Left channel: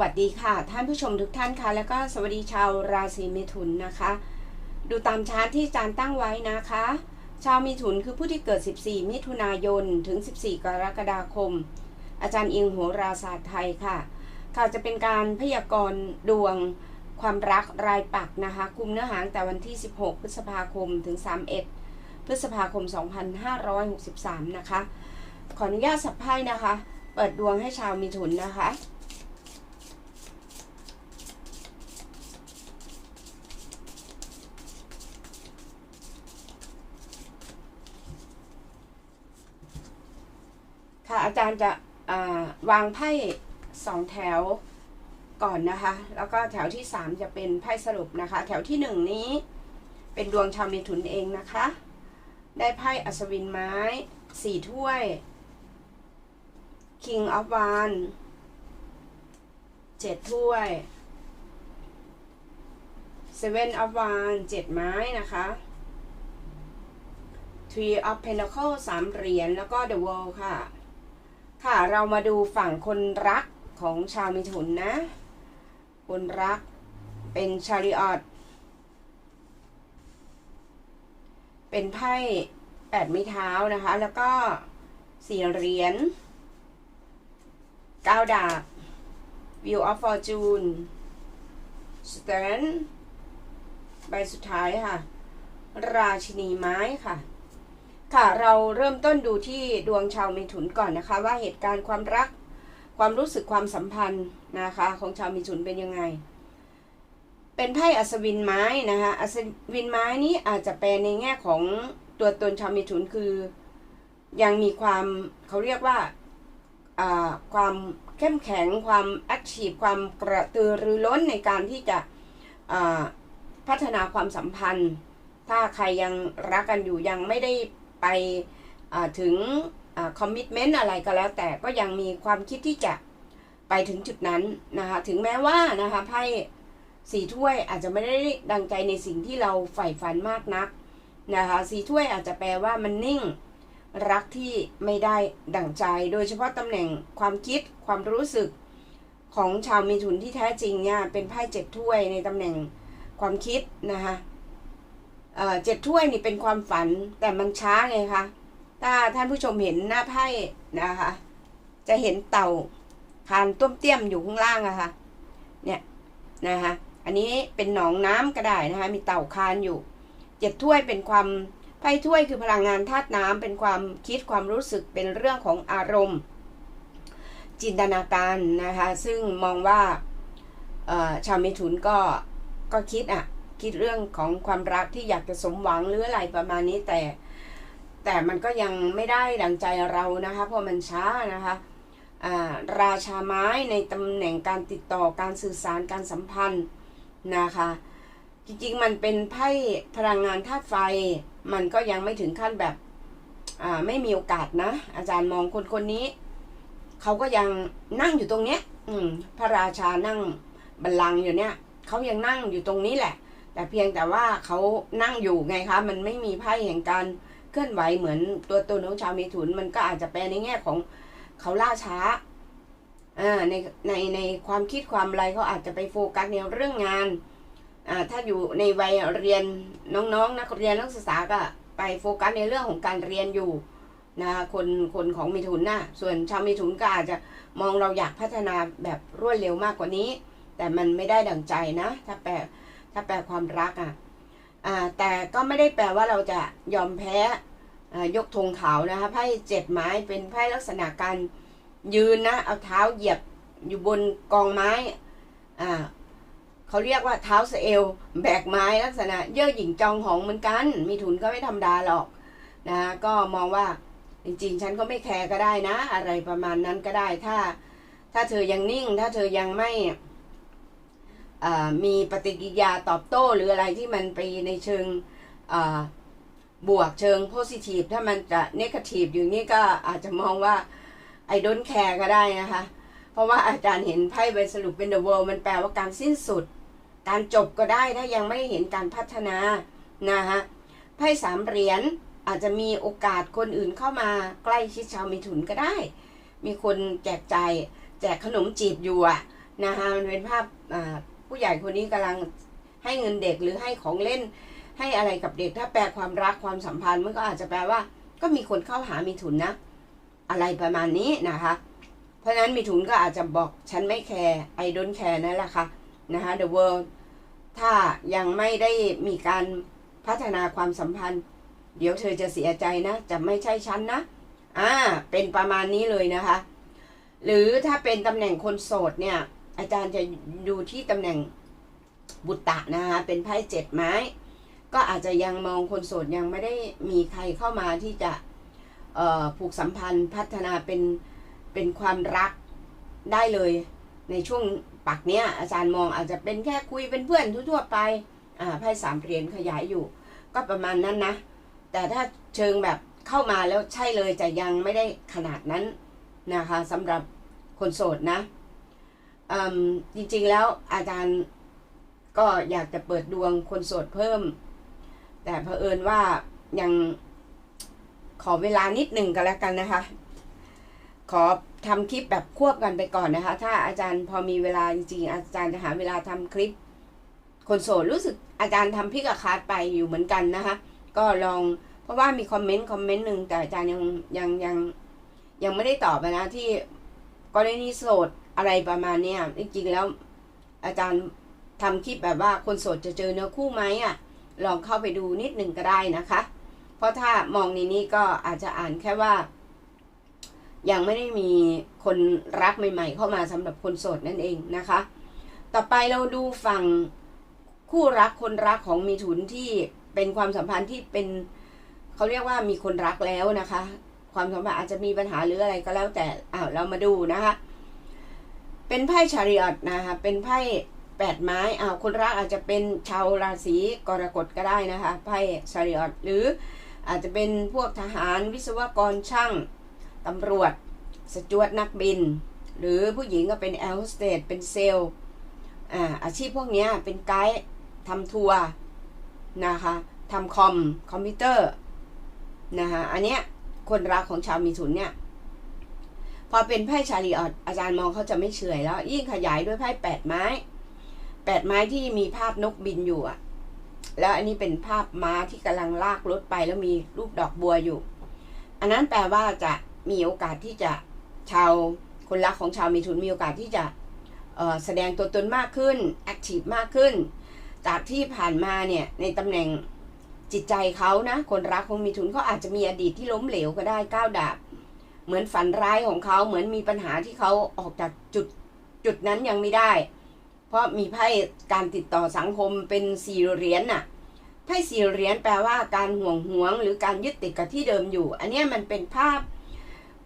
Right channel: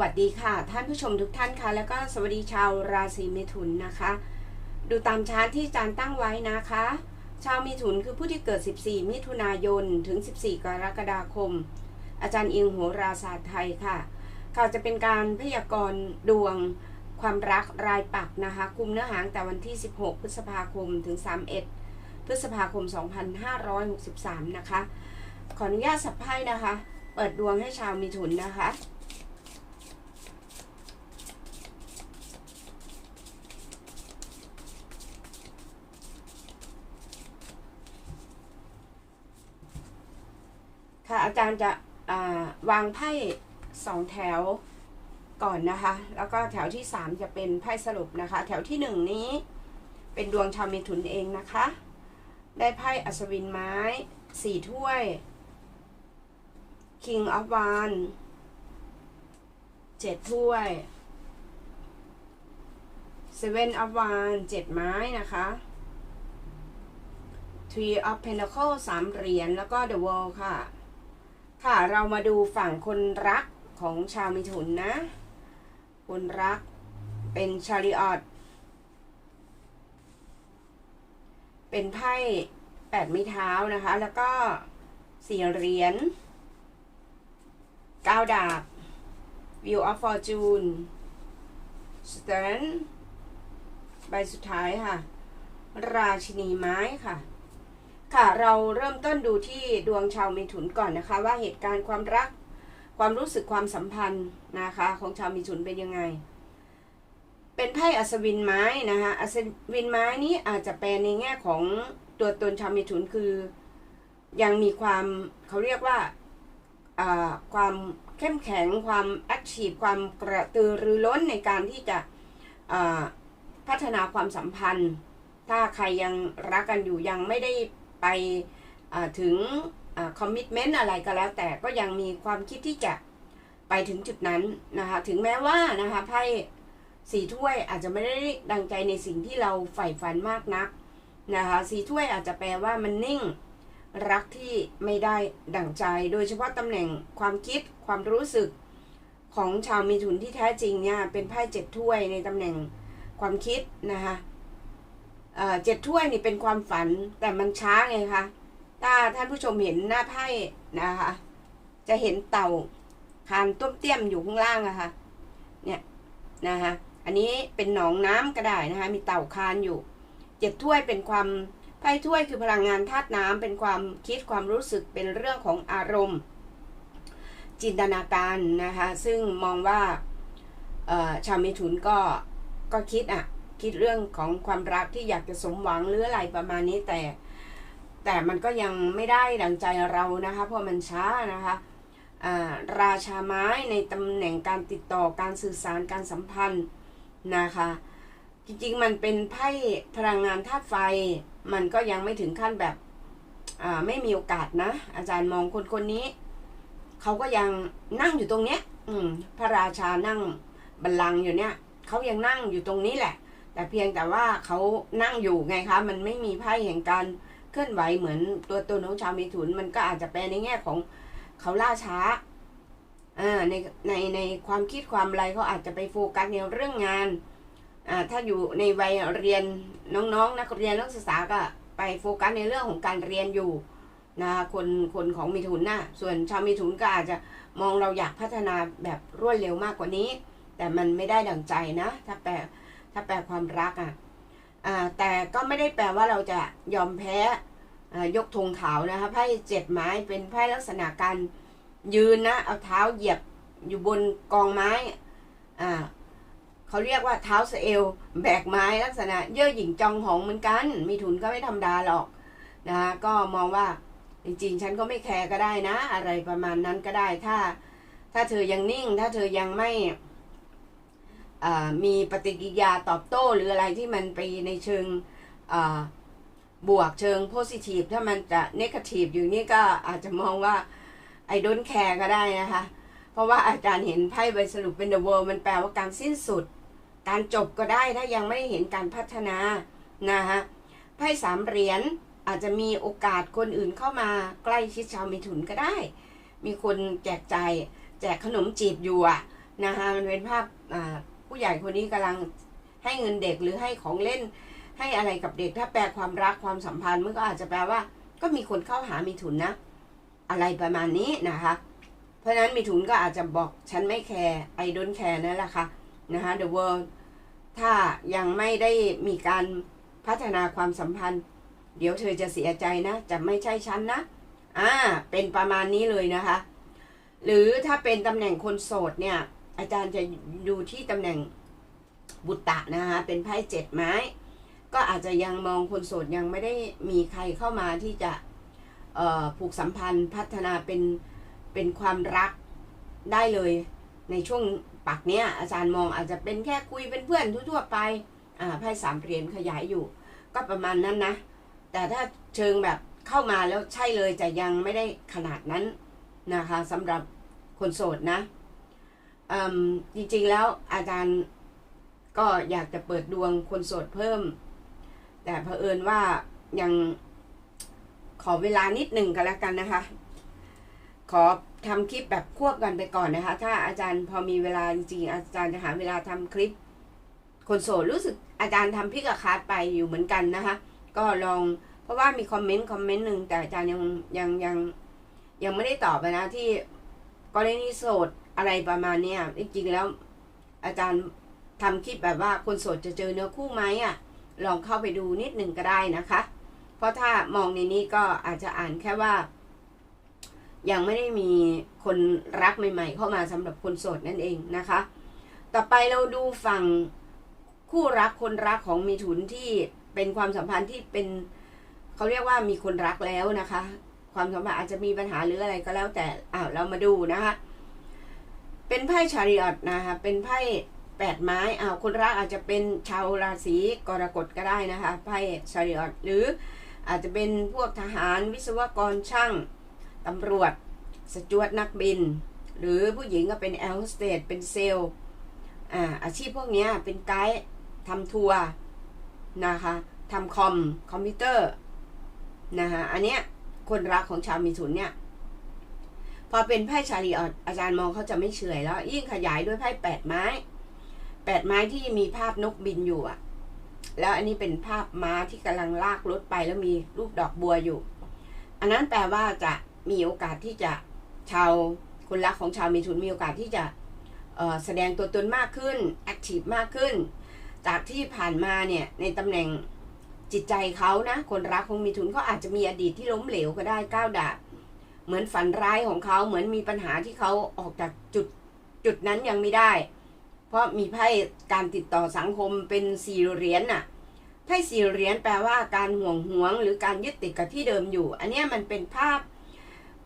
วัสดีค่ะ ท่านผู้ชมทุกท่านค่ะ แล้วก็สวัสดีชาวราศีเมถุนนะคะ ดูตามชาร์ตที่อาจารย์ตั้งไว้นะคะ ชาวมิถุนคือผู้ที่เกิด 14 มิถุนายนถึง 14 กรกฎาคม อาจารย์อิงโหราศาสตร์ไทยค่ะ ค่ะจะเป็นการพยากรณ์ดวงความรักรายปักนะคะกลุ่มเนื้อหาแต่วันที่ 16 พฤษภาคมถึง 31 พฤษภาคม 2563 นะคะ ขออนุญาตสับไพ่นะคะ เปิดดวงให้ชาวมิถุนนะคะ ค่ะอา จารย์จะวางไพ่สองแถวก่อนนะคะ แล้วก็แถวที่สามจะเป็นไพ่สรุปนะคะ แถวที่หนึ่งนี้เป็นดวงชาวเมถุนเองนะคะ ได้ไพ่อัศวินไม้สี่ถ้วย King of w a n เจ็ดถ้วย Seven of w a n เจ็ดไม้นะคะ Three of Pentacle สามเหรียญแล้วก็ The World ค่ะ ค่ะเรามาดูฝั่งคนรักของชาวมิถุนนะ คนรักเป็นชาริออตเป็นไพ่แปดไม้เท้านะคะ แล้วก็สี่เหรียญเก้าดาบ View of Fortune Stern ใบสุดท้ายค่ะ ราชินีไม้ค่ะ ค่ะเราเริ่มต้นดูที่ดวงชาวเมถุนก่อนนะคะ ว่าเหตุการณ์ความรักความรู้สึกความสัมพันธ์นะคะ ของชาวเมถุนเป็นยังไง เป็นไพ่อัศวินไม้นะคะอัศวินไม้นี้อาจจะแปลในแง่ของตัวตนชาวเมถุนคือ ยังมีความเขาเรียกว่าความเข้มแข็งความแอคทีฟความกระตือรือร้นในการที่จะพัฒนาความสัมพันธ์ ถ้าใครยังรักกันอยู่ยังไม่ได้ ไปถึงคอมมิชเมนต์อะไรก็แล้วแต่ก็ยังมีความคิดที่จะไปถึงจุดนั้นนะคะ ถึงแม้ว่านะคะไพ่สีถ้วยอาจจะไม่ได้ดังใจในสิ่งที่เราใฝ่ฝันมากนักนะคะสีถ้วยอาจจะแปลว่ามันนิ่งรักที่ไม่ได้ดั่งใจ โดยเฉพาะตำแหน่งความคิดความรู้สึกของชาวมีถุนที่แท้จริงเนี่ยเป็นไพ่เจ็ดถ้วยในตำแหน่งความคิดนะคะ เจ็ดถ้วยนี่เป็นความฝันแต่มันช้าไงคะถ้าท่านผู้ชมเห็นหน้าไพ่นะคะ จะเห็นเต่าคานต้มเตี้ยมอยู่ข้างล่างอะคะ่ะ เนี่ยนะคะอันนี้เป็นหนองน้ำก็ได้นะคะ มีเต่าคานอยู่เจ็ดถ้วยเป็นความไพ่ถ้วยคือพลังงานธาตุน้ำเป็นความคิดความรู้สึกเป็นเรื่องของอารมณ์ จินตนาการนะคะ ซึ่งมองว่าชาวมิถุนก็ก็คิดอะ คิดเรื่องของความรักที่อยากจะสมหวังหรืออะไรประมาณนี้แต่ แต่มันก็ยังไม่ได้ดังใจเรานะคะ เพราะมันช้านะคะราชาไม้ในตำแหน่งการติดต่อการสื่อสารการสัมพันธ์นะคะ จริงๆมันเป็นไพ่พลังงานธาตุไฟ มันก็ยังไม่ถึงขั้นแบบไม่มีโอกาสนะ อาจารย์มองคนคนนี้ เขาก็ยังนั่งอยู่ตรงเนี้ย อืม พระราชานั่งบัลลังก์อยู่เนี้ยเขายังนั่งอยู่ตรงนี้แหละ แต่เพียงแต่ว่าเขานั่งอยู่ไงคะ มันไม่มีไพ่แห่งการเคลื่อนไหวเหมือนตัวตนของชาวเมถุน มันก็อาจจะแปลในแง่ของเขาล่าช้าอ่าในในในความคิดความอะไรเขาอาจจะไปโฟกัสในเรื่องงานถ้าอยู่ในวัยเรียนน้องๆนนักเรียนนักศึกษาก็ไปโฟกัสในเรื่องของการเรียนอยู่นะคนคนของมิถุนนะส่วนชาวมิถุนก็อาจจะมองเราอยากพัฒนาแบบรวดเร็วมากกว่านี้ แต่มันไม่ได้ดังใจนะ ถ้าแปล ถ้าแปลความรักอะแต่ก็ไม่ได้แปลว่าเราจะยอมแพ้ยกธงขาวนะคะไพ่เจ็ดไม้เป็นไพ่ลักษณะการยืนนะ เอาเท้าเหยียบอยู่บนกองไม้อ่าเขาเรียกว่าเท้าเอลแบกไม้ลักษณะเย่อหยิ่งจองหองเหมือนกัน มีทุนก็ไม่ธรรมดาหรอกนะก็มองว่าจริงๆ ฉันก็ไม่แคร์ก็ได้นะ อะไรประมาณนั้นก็ได้ถ้า ถ้าเธอยังนิ่ง ถ้าเธอยังไม่ มีปฏิกิริยาตอบโต้หรืออะไรที่มันไปในเชิงบวกเชิงโพซิทีฟถ้ามันจะเนกาทีฟอยู่นี่ก็อาจจะมองว่าไอ้ดนแคร์ก็ได้นะคะ เพราะว่าอาจารย์เห็นไพ่ใบสรุปเป็น the world มันแปลว่าการสิ้นสุด การจบก็ได้ถ้ายังไม่เห็นการพัฒนานะฮะไพ่สามเหรียญอาจจะมีโอกาสคนอื่นเข้ามาใกล้ชิดชาวมิถุนก็ได้ มีคนแจกใจแจกขนมจีบอยู่อะนะคะมันเป็นภาพ ผู้ใหญ่คนนี้กำลังให้เงินเด็กหรือให้ของเล่น ให้อะไรกับเด็ก ถ้าแปลความรักความสัมพันธ์มันก็อาจจะแปลว่า ก็มีคนเข้าหามีถุนนะ อะไรประมาณนี้นะคะ เพราะฉะนั้นมีถุนก็อาจจะบอกฉันไม่แคร์ไอดนแคร์นั่นแหละค่ะนะคะ the world ถ้ายังไม่ได้มีการพัฒนาความสัมพันธ์ เดี๋ยวเธอจะเสียใจนะ จะไม่ใช่ฉันนะอ่าเป็นประมาณนี้เลยนะคะ หรือถ้าเป็นตำแหน่งคนโสดเนี่ย อาจารย์จะดูที่ตำแหน่งบุตตะนะคะ เป็นไพ่เจ็ดไม้ ก็อาจจะยังมองคนโสดยังไม่ได้มีใครเข้ามาที่จะผูกสัมพันธ์พัฒนาเป็นเป็นความรักได้เลยในช่วงปักเนี้ยอาจารย์มองอาจจะเป็นแค่คุยเป็นเพื่อนทั่วๆไปอ่าไพ่สามเหรียญขยายอยู่ ก็ประมาณนั้นนะ แต่ถ้าเชิงแบบเข้ามาแล้วใช่เลยแต่ยังไม่ได้ขนาดนั้นนะคะสำหรับคนโสดนะ จริงๆแล้วอาจารย์ก็อยากจะเปิดดวงคนโสดเพิ่ม แต่เผอิญว่ายังขอเวลานิดหนึ่งก็แล้วกันนะคะ ขอทำคลิปแบบควบกันไปก่อนนะคะ ถ้าอาจารย์พอมีเวลาจริงๆอาจารย์จะหาเวลาทำคลิป คนโสดรู้สึกอาจารย์ทำพิกคาดไปอยู่เหมือนกันนะคะ ก็ลองเพราะว่ามีคอมเมนต์คอมเมนต์หนึ่งแต่อาจารย์ยังยังยังยังไม่ได้ตอบนะที่กรณีโสด อะไรประมาณเนี้ยจริงๆแล้ว อาจารย์ทำคลิปแบบว่าคนโสดจะเจอเนื้อคู่ไหมอะ ลองเข้าไปดูนิดหนึ่งก็ได้นะคะ เพราะถ้ามองในนี้ก็อาจจะอ่านแค่ว่า ยังไม่ได้มีคนรักใหม่ ๆ เข้ามาสำหรับคนโสดนั่นเองนะคะ ต่อไปเราดูฝั่งคู่รักคนรักของมีถุนที่เป็นความสัมพันธ์ที่เป็นเขาเรียกว่ามีคนรักแล้วนะคะ ความสัมพันธ์อาจจะมีปัญหาหรืออะไรก็แล้วแต่อ้าวเรามาดูนะคะ เป็นไพ่ชาริอตนะคะเป็นไพ่แปดไม้อ้าวคนรักอาจจะเป็นชาวราศีกรกฎก็ได้นะคะไพ่ชาริอตหรืออาจจะเป็นพวกทหารวิศวกรช่างตำรวจ สจวตนักบิน หรือผู้หญิงก็เป็นแอร์โฮสเตสเป็นเซลล์อ่าอาชีพพวกนี้เป็นไกด์ทำทัวร์นะคะทำคอมคอมพิวเตอร์นะคะอันเนี้ยคนรักของชาวมีถุนเนี่ย พอเป็นไพ่ชาลีออดอาจารย์มองเขาจะไม่เฉยแล้ว ยิ่งขยายด้วยไพ่แปดไม้แปดไม้ที่มีภาพนกบินอยู่อะแล้วอันนี้เป็นภาพม้าที่กำลังลากรถไปแล้วมีรูปดอกบัวอยู่ อันนั้นแปลว่าจะมีโอกาสที่จะชาวคนรักของชาวมีถุนมีโอกาสที่จะแสดงตัวตนมากขึ้นแอคทีฟมากขึ้น จากที่ผ่านมาเนี่ยในตำแหน่งจิตใจเขานะ คนรักของมีถุนเขาอาจจะมีอดีตที่ล้มเหลวก็ได้ก้าวดาบ เหมือนฝันร้ายของเขาเหมือนมีปัญหาที่เขาออกจากจุดจุดนั้นยังไม่ได้ เพราะมีไพ่การติดต่อสังคมเป็นสี่เหรียญน่ะไพ่สี่เหรียญแปลว่าการห่วงหวง หรือการยึดติดกับที่เดิมอยู่ อันนี้มันเป็นภาพ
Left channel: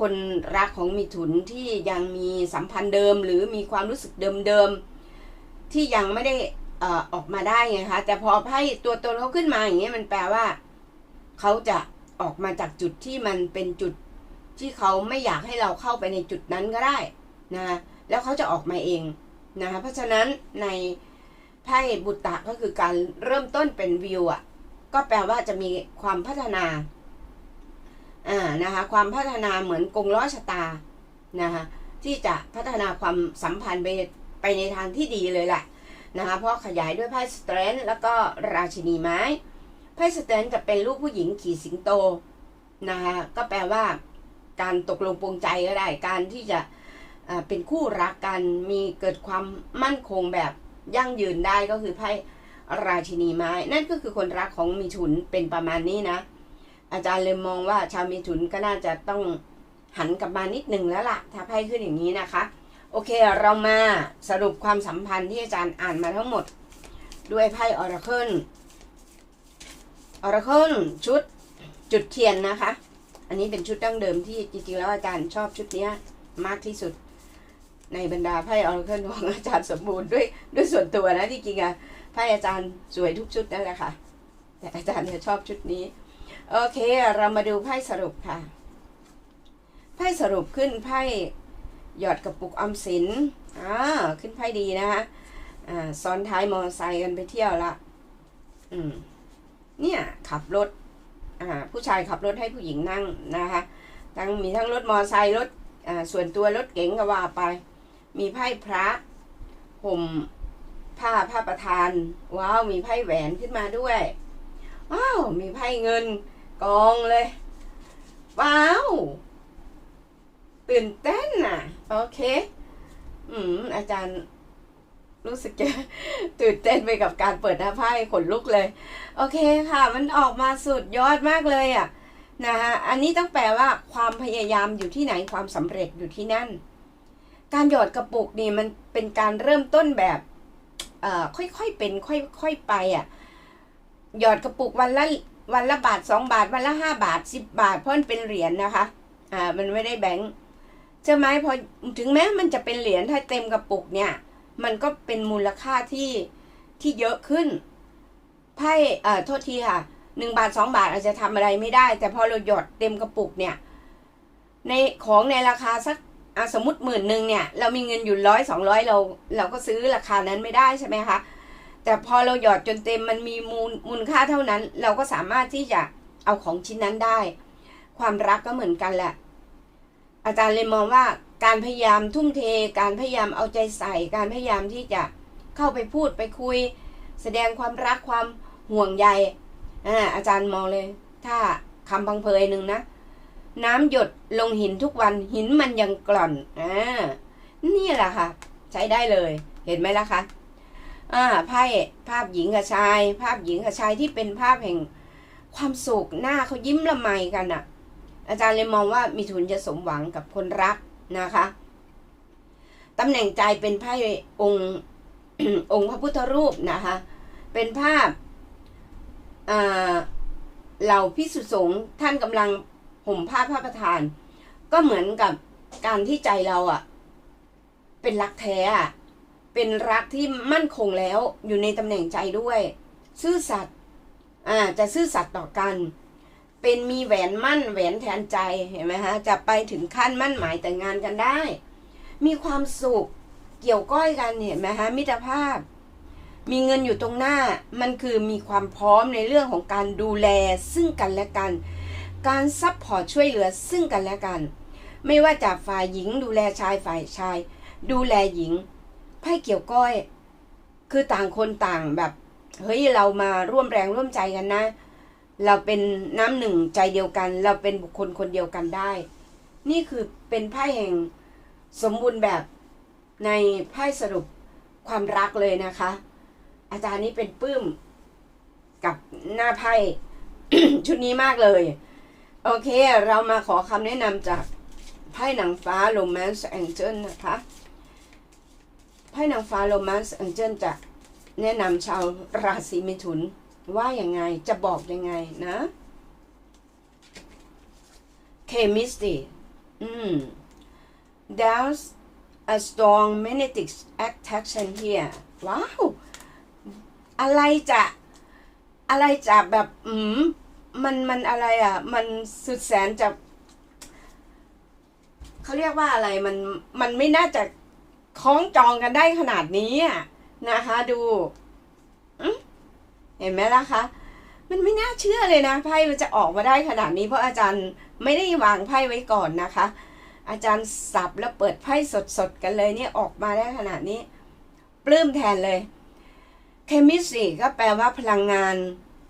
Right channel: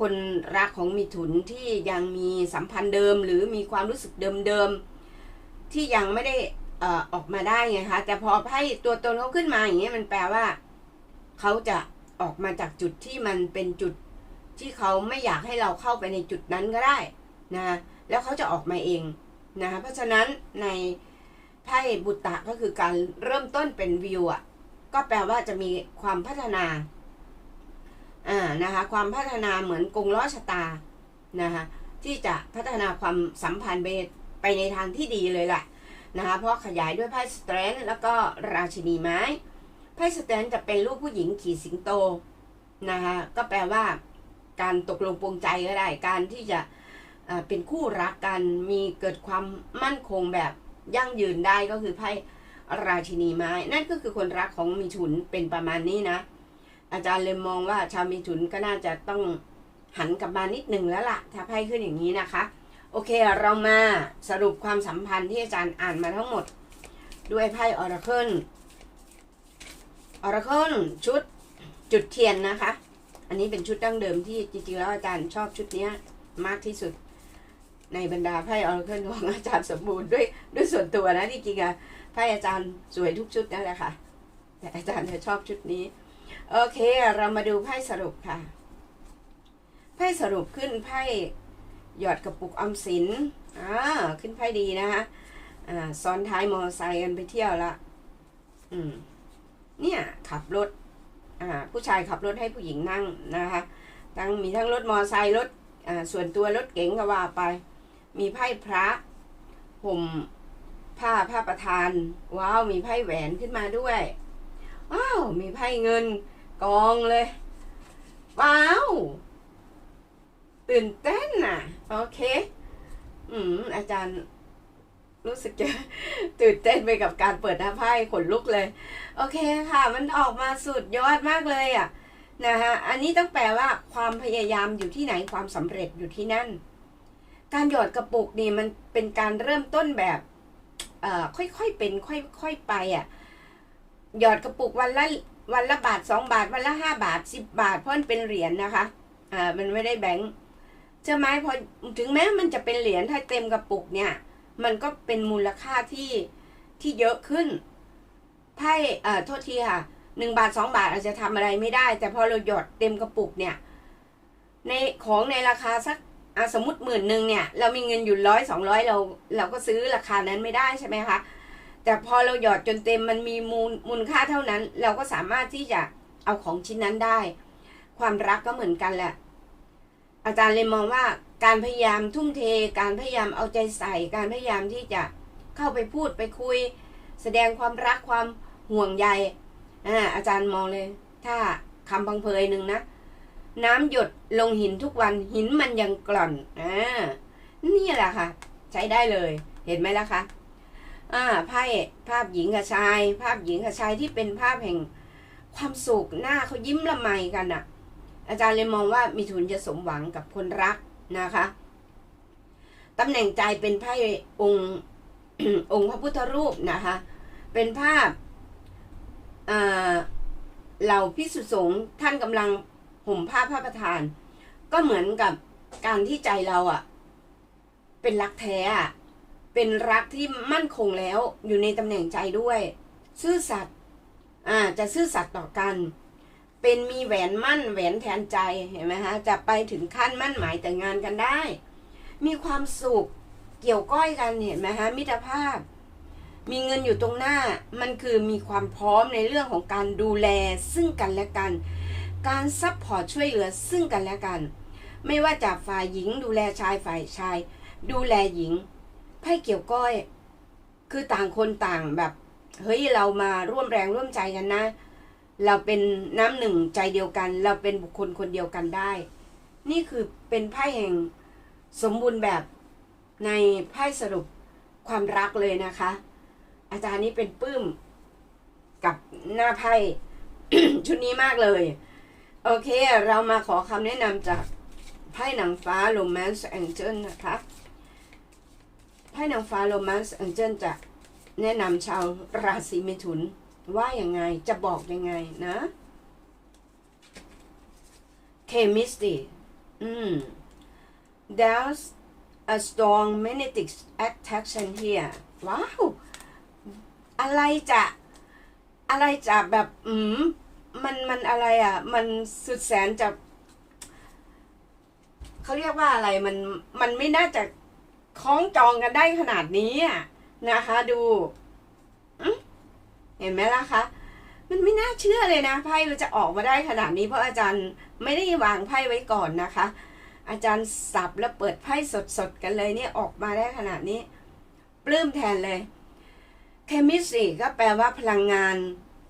คนรักของมีถุนที่ยังมีสัมพันธ์เดิม หรือมีความรู้สึกเดิมๆที่ยังไม่ได้ออออกมาได้ไงคะแต่พอไพ่ตัวตนเขาขึ้นมาอย่างเงี้ยมันแปลว่า เขาจะออกมาจากจุดที่มันเป็นจุด ที่เขาไม่อยากให้เราเข้าไปในจุดนั้นก็ได้นะคะแล้วเขาจะออกมาเองนะคะเพราะฉะนั้นในไพ่บุตตะก็คือการเริ่มต้นเป็นวิวอะก็แปลว่าจะมีความพัฒนาอ่านะคะความพัฒนาเหมือนกงล้อชะตานะคะที่จะพัฒนาความสัมพันธ์ไปไปในทางที่ดีเลยแหละนะคะเพราะขยายด้วยไพ่สเตรนท์แล้วก็ราชินีไม้ไพ่สเตรนท์จะเป็นรูปผู้หญิงขี่สิงโตนะคะก็แปลว่า การตกลงปรงใจก็ได้ การที่จะเป็นคู่รักกันมีเกิดความมั่นคงแบบยั่งยืนได้ก็คือไพ่ราชินีไม้ นั่นก็คือคนรักของมีฉุนเป็นประมาณนี้นะ อาจารย์เลยมองว่าชาวมีฉุนก็น่าจะต้องหันกลับมานิดหนึ่งแล้วล่ะ ถ้าไพ่ขึ้นอย่างนี้นะคะ โอเคเรามาสรุปความสัมพันธ์ที่อาจารย์อ่านมาทั้งหมด ด้วยไพ่ออราเคิลออราเคิลชุดจุดเทียนนะคะ อันนี้เป็นชุดดั้งเดิมที่จริงๆแล้วอาจารย์ชอบชุดนี้มากที่สุด ในบรรดาไพ่ออราเคิลของอาจารย์สมบูรณ์ด้วยด้วยส่วนตัวนะที่จริงอะไพ่อาจารย์สวยทุกชุดนั่นแหละค่ะ แต่อาจารย์จะชอบชุดนี้ โอเคเรามาดูไพ่สรุปค่ะ ไพ่สรุปขึ้นไพ่หยอดกระปุกออมสินอ่าขึ้นไพ่ดีนะคะอ่าซ้อนท้ายมอเตอร์ไซค์กันไปเที่ยวละอืมเนี่ยขับรถ ผู้ชายขับรถให้ผู้หญิงนั่งนะคะทั้งมีทั้งรถมอเตอร์ไซค์รถส่วนตัวรถเก๋งก็ว่าไป มีไพ่พระห่มผ้าผ้าประทาน ว้าวมีไพ่แหวนขึ้นมาด้วยว้าวมีไพ่เงินกองเลย ว้าวตื่นเต้นน่ะ โอเค อืมอาจารย์ รู้สึกจะตื่นเต้นไปกับการเปิดหน้าไพ่ขนลุกเลย โอเคค่ะ มันออกมาสุดยอดมากเลยอะนะคะอันนี้ต้องแปลว่าความพยายามอยู่ที่ไหนความสำเร็จอยู่ที่นั่น การหยอดกระปุกนี่มันเป็นการเริ่มต้นแบบเอ่อค่อยๆเป็นค่อยๆไปอะหยอดกระปุกวันละวันละบาทสองบาท วันละห้าบาทสิบบาท เพราะมันเป็นเหรียญนะคะอ่ามันไม่ได้แบงค์ใช่ไหมพอถึงแม้มันจะเป็นเหรียญถ้าเต็มกระปุกเนี่ย มันก็เป็นมูลค่าที่ที่เยอะขึ้นไพ่เอ่อโทษทีค่ะหนึ่งบาทสองบาทอาจจะทำอะไรไม่ได้ แต่พอเราหยอดเต็มกระปุกเนี่ย ในของในราคาสักอะสมมติหมื่นหนึ่งเนี่ย เรามีเงินอยู่ร้อยสองร้อยเรา เราก็ซื้อราคานั้นไม่ได้ใช่ไหมคะแต่พอเราหยอดจนเต็มมันมีมูลมูลค่าเท่านั้น เราก็สามารถที่จะเอาของชิ้นนั้นได้ ความรักก็เหมือนกันแหละ อาจารย์เลยมองว่า การพยายามทุ่มเท การพยายามเอาใจใส่ การพยายามที่จะเข้าไปพูดไปคุย แสดงความรักความห่วงใยอ่าอาจารย์มองเลย ถ้าคำพังเพยหนึ่งนะ น้ำหยดลงหินทุกวันหินมันยังกร่อนอ่านี่แหละค่ะ ใช้ได้เลย เห็นไหมล่ะคะอ่าไพ่ภาพหญิงกับชาย ภาพหญิงกับชายที่เป็นภาพแห่งความสุขหน้าเขายิ้มละไมกันอะ่ะ อาจารย์เลยมองว่ามีทุนจะสมหวังกับคนรัก นะคะตำแหน่งใจเป็นไพ่องค์องค์พระพุทธรูปนะคะ เป็นภาพเหล่าพิสุสงฆ์ท่านกำลังห่มผ้าพระประธาน ก็เหมือนกับการที่ใจเราอะ่ะ เป็นรักแท้อะเป็นรักที่มั่นคงแล้วอยู่ในตำแหน่งใจด้วย ซื่อสัตย์อ่าจะซื่อสัตย์ต่อกัน เป็นมีแหวนมั่นแหวนแทนใจเห็นไหมฮะจะไปถึงขั้นมั่นหมายแต่งงานกันได้ มีความสุขเกี่ยวก้อยกันเห็นไหมฮะมิตรภาพ มีเงินอยู่ตรงหน้ามันคือมีความพร้อมในเรื่องของการดูแลซึ่งกันและกัน การซัพพอร์ตช่วยเหลือซึ่งกันและกัน ไม่ว่าจากฝ่ายหญิงดูแลชายฝ่ายชาย ดูแลหญิงไพ่เกี่ยวก้อย คือต่างคนต่างแบบ เฮ้ยเรามาร่วมแรงร่วมใจกันนะ เราเป็นน้ำหนึ่งใจเดียวกัน เราเป็นบุคคลคนเดียวกันได้ นี่คือเป็นไพ่แห่งสมบูรณ์แบบในไพ่สรุปความรักเลยนะคะ อาจารย์นี่เป็นปื้มกับหน้าไพ่ชุดนี้มากเลย โอเค เรามาขอคำแนะนำจากไพ่หนังฟ้า Romance Angel นะคะ ไพ่หนังฟ้า Romance Angel จะแนะนำชาวราศีมิถุน ว่าอย่างไงจะบอกยังไงนะเคมิสติอืม there's a strong magnetic attraction here ว้าว อะไรจะอะไรจะแบบอืมมันมันอะไรอะ มันสุดแสนจะเขาเรียกว่าอะไรมันมันไม่น่าจะคล้องจองกันได้ขนาดนี้นะคะ ดู เห็นไหมล่ะคะ มันไม่น่าเชื่อเลยนะไพ่มันจะออกมาได้ขนาดนี้ เพราะอาจารย์ไม่ได้วางไพ่ไว้ก่อนนะคะ อาจารย์สับแล้วเปิดไพ่สดๆกันเลยเนี่ยออกมาได้ขนาดนี้ ปลื้มแทนเลยเคมิสตรีก็แปลว่าพลังงาน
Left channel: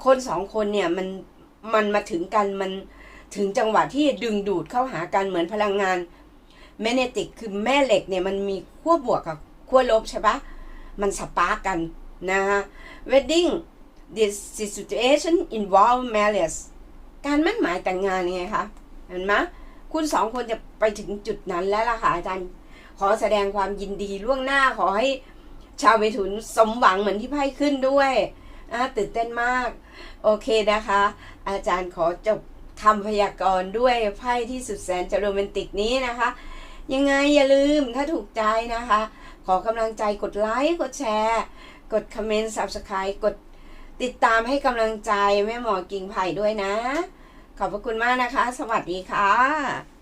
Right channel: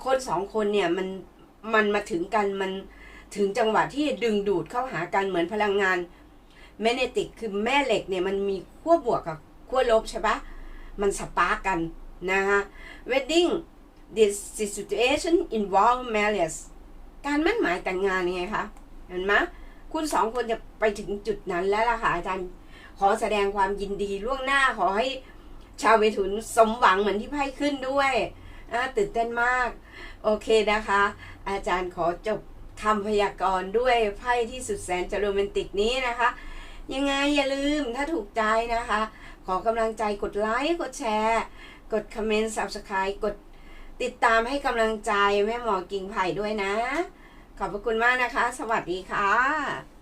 คนสองคนเนี่ยมันมันมาถึงกันมันถึงจังหวะที่ดึงดูดเข้าหากันเหมือนพลังงานแมเนติกคือแม่เหล็กเนี่ยมันมีขั้วบวกกับขั้วลบใช่ปะมันสปาร์กกันนะฮะ wedding this situation involve marriage การมั่นหมายแต่งงานไงคะ เห็นไหมคุณสองคนจะไปถึงจุดนั้นแล้วล่ะค่ะอาจารย์ ขอแสดงความยินดีล่วงหน้าขอให้ชาวเมถุนสมหวังเหมือนที่ไพ่ขึ้นด้วยนะตื่นเต้นมาก โอเคนะคะ อาจารย์ขอจบคำพยากรณ์ด้วยไพ่ที่สุดแสนจะโรแมนติกนี้นะคะ ยังไงอย่าลืมถ้าถูกใจนะคะ ขอกำลังใจกดไลค์กดแชร์ กดคอมเมนต์ subscribe กด ติดตามให้กำลังใจแม่หมอกิ่งไผ่ด้วยนะ ขอบพระคุณมากนะคะ สวัสดีค่ะ